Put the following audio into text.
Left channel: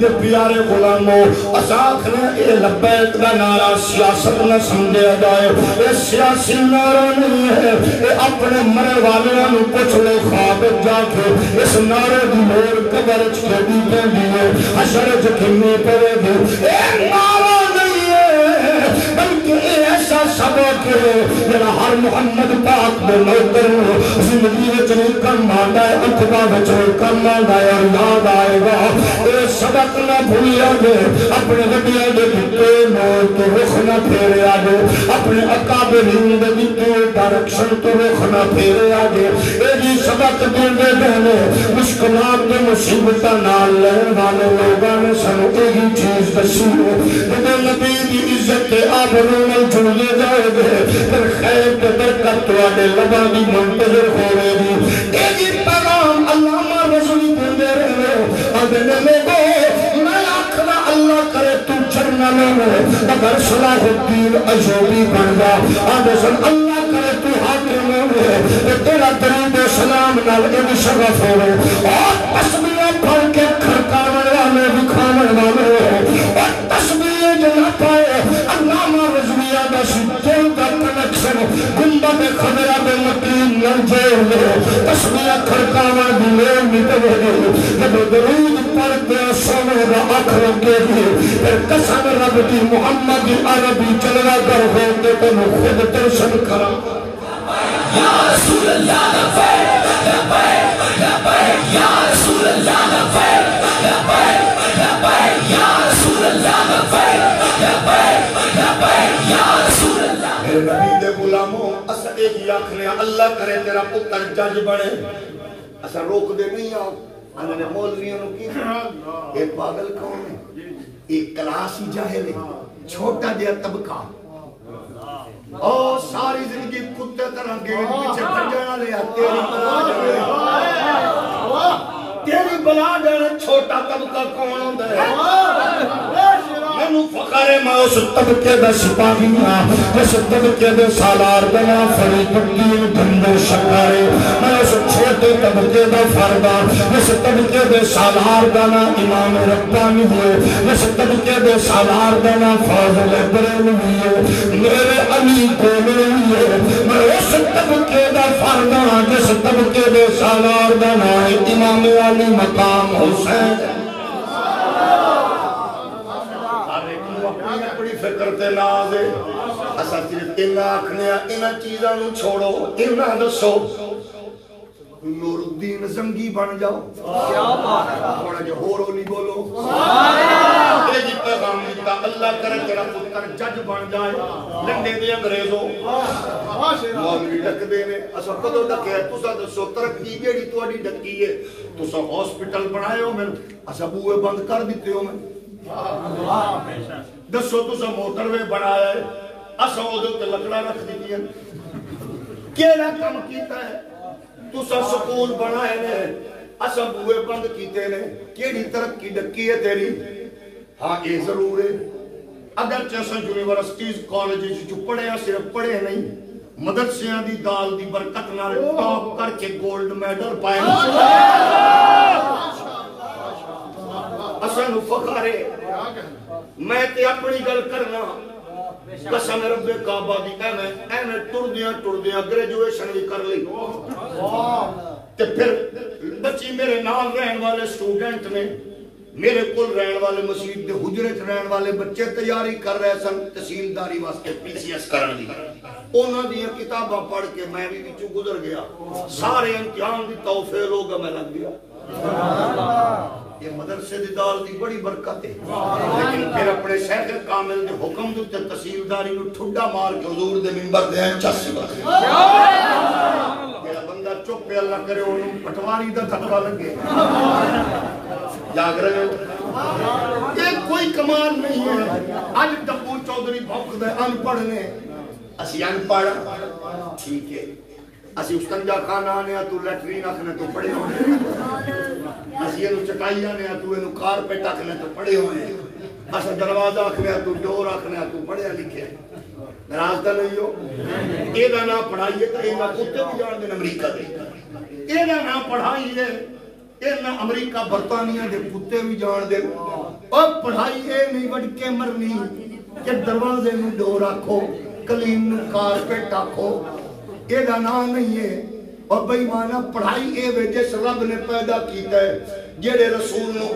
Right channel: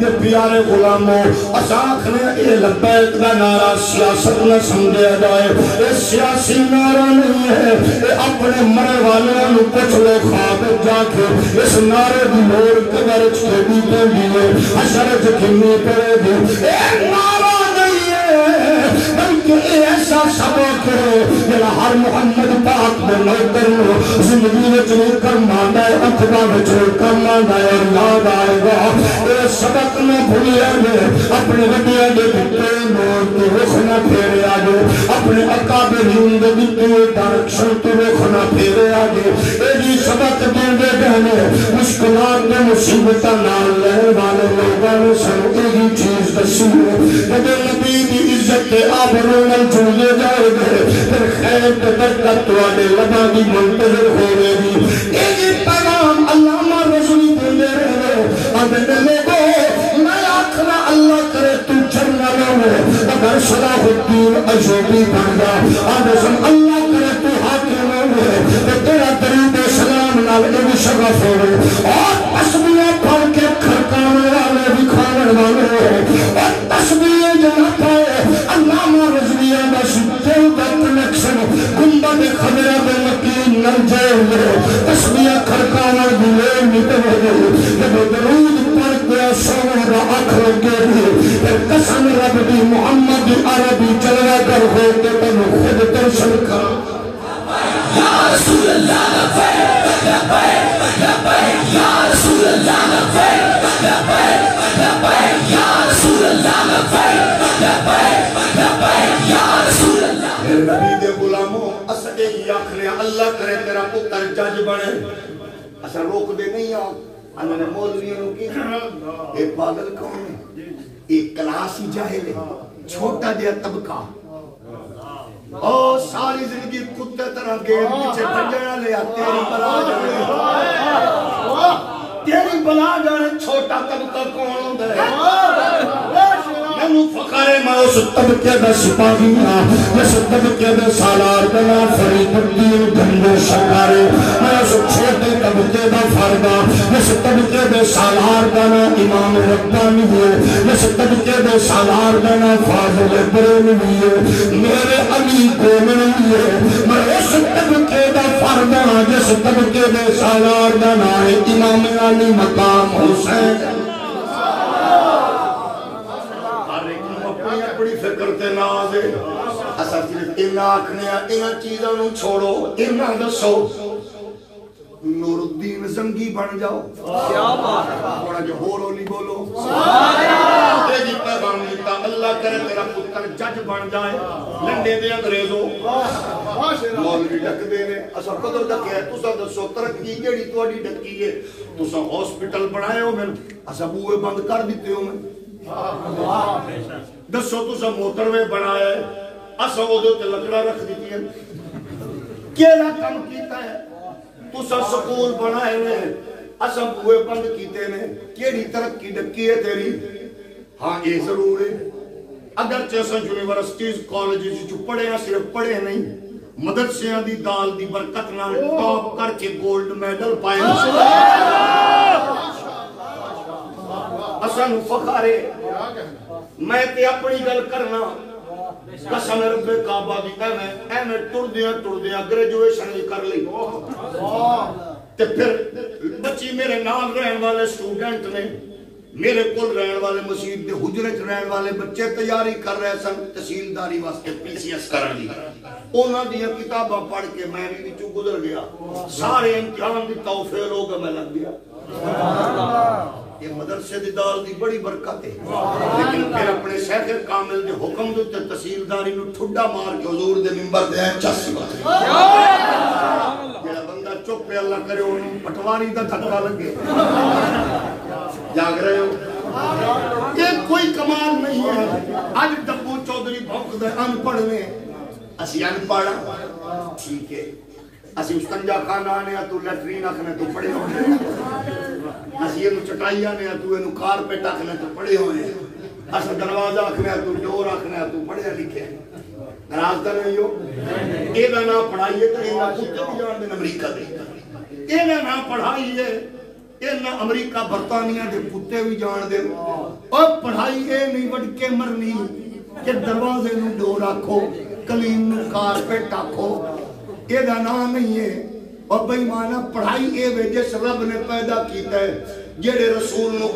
دے پیارے غلاموں اساکھنے اے لبیک دا نعرہ سیاست نہ سمجھے جائے اے سیاسی نعرہ نہیں ہے اے اپنے مرے والے نو پوچھ لو خواب جا کے اس نعرے دی مور قبر چھوڑی پہ دیئے حشر جکھنی پڑے دی اے نعرہ نہیں ہے بلکہ اے ایسا سبق ہے جنہا ہر محمد پاک میں نوکر زندگی میں چلے کر ماندہ ہے اکبا میں چلے کر ماندہ ہے اور یاد آئے گا اے سبق نہ بھولیا گے اپنے وڈیا دے بھتے نور کے رخ نہ پھیرے آگے اپنے اکابرین دے بھتے ڈائریکشن کے رخ نہ پھیرے آگے اے جی سبق دے بہنے مشکلات میں مصیبتہ نال لہر والے لوگاں نے سنو ایک ہی چیز دسی ہے کہ نبی دی عزت کے آبرون جڑے جائے گے پھر خیر کے برکت تو آدھے لبا دی منتظر ہو رہے گی اے جی پیغام علامہ رسولی دے رہے آدھے لوگوں میں آخرا اللہ کرے تو جرنلوں میں اگر صلاح الدین ایوبی بن جا آدھے سن اللہ کرے تو حاکموں میں تیرا درود سلام نال ایک شغف ہو رہے اور تسبیح پڑھ کے کھڑکانے والے دکھانے والے اور تسبیح جمع پائے علامہ رضویہ دا سدھے دا کنیکشن گنبد خضرہ دے یقین نرجے لے تسبیح کھڑکانا دلے نکلے جب درود پڑھ کے سونے دا آخر کے لیے قسم رب دی محمد عربی چلوہ در ہو کے تن خود ترشن کھا یا رسول اللہ لبیک لبیک لبیک یا رسول اللہ لبیک لبیک لبیک یا رسول اللہ لبیک لبیک لبیک یا رسول اللہ میرے نبی دے غلاموں اسا ایک ہی آخرے اللہ کرے تیرا پتر جج بڑے اسا روک دے نہیں آؤ ہم نے مولویوں نے کی ایک پاگل کون ہے ایک کلاسی جاہل ہے چھوٹا جہا طبقہ اور ساری زندگی کتے طرح گئے پیچھے بھجنا لیا تیری بلا جانے چھوٹا طبقہ کون ہوتا ہے میں فخر ہے میں اس طبقے دا سپاہی ہاں جس طبقے دے سالار بنا فرید الدین دھندے شکارے میں اس چھوٹے طبقے دا فردہ جس طبقے دے سالار بنا امام ربانی ہوئے جس طبقے دے سالار بنا فاضل بریلوی ہوئے میرے علی کومنی ہوئے میں اس طبقے دا فردہ جس طبقے دے سالار بنا امام علی مقام حسین بڑی فکر تے نازے اسا صرف انہاں آکھنے انہاں چیزاں نو چھوڑو انہاں دسو نور الدین زنگی بن جاؤ تھوڑا جو ہورولی بولو اے جی پیغام دیتا اللہ کرے تیرا پتر جج بن جائے لنڈے دی انگریزوں مولوی ڈک دینے اسا کدو ڈکے تسا دسو ترقی کیڑی تواڈی ڈکی ہے تسا ہاسپٹل بنائے ہو میں اسا بوئے بند کر دیتے ہو میں دسو تسا موٹر وے بنایا ہے اسا وہ دے لکڑا رکھ دیتی ہے کیڑا کم کیتا ہے تسا سکول بنائے نے اسا بوئے بند کیتے نے کیڑی ترقی ڈکی ہے تیری ہاں یہ ضرور ہے اگرچہ اسا یونیورسٹیز کالجز جو پڑھے ہیں صرف پڑھے نہیں مدرسیاں دی دال دی برکت نال ٹاپ کر کے گولڈ میڈل پائے اسا نو فخر ہے میں تے اپنی گل کرنا قسم رب کعبہ دی ایویں ٹردیاں گریجویشن بھی کر لی تے پھر بچی میرے نال رہن والے سٹوڈنٹ نے میرے کول رہن والے مسجد دے حجرے چ رہن والے بچے تیاری کر رہے سن تحصیلداری واسطے PCS کرن دی انہاں دی کتاباں پڑھ کے میں بھی وچوں گزر گیا سارے امتحان دی توفیق ہو گیا میں لگ گیا یہ مدرسے دی دال دی بڑی برکت ہے لیکن پھر اپنے شیخ کامل دے حکم دے تحصیلداری نو ٹھڈا مار کے حضور دے منبر دے چاسی جڑا بندہ چپ پہ اللہ کرے انہوں پٹواری دا دھکا لگے جاگ رہے ہو یہ کوئی کمال نہیں ہے آج ڈبو چودھری بھوک دے ان پڑھ نے اسی ان پڑھ ٹھیک ہے اسی استنجا خانہ آنے تو لیٹرین آکھنے تو پڑے ہوئے اسی انہوں چٹائی آنے تو انہوں کارپیٹ آکھنے تو پڑے ہوئے اسی دروازہ آکھنے تو ڈور آکھنے تو پڑے لکھے ناراض کا نہیں ہو یہ نہ پڑھائیے تو یہ نہ کتے بھی جان دیں امریکہ دیں یہ نہ پڑھائیے ਇਹਨਾਂ ਅਮਰੀਕਾ ਬਰਤਾਨੀਆ ਦੇ ਕੁੱਤੇ ਵੀ ਜਾਣਦੇ ਉਹ ਪੜ੍ਹਾਈ ਇਹ ਨਹੀਂ ਵੜ ਕੇ ਮਰਨੀ ਕਿ ਦਰਵਾਜ਼ੇ ਨੂੰ ਡੋਰ ਆਖੋ ਕਲੀਮ ਨੂੰ ਕਾਰਪੇਟ ਆਖੋ ਇਹਦਾ ਨਾਂ ਨਹੀਂ ਹੈ اور بے ایمانہ پڑھائی اے وے جس رب نے پیدا کیتا ہے جڑے رسول نو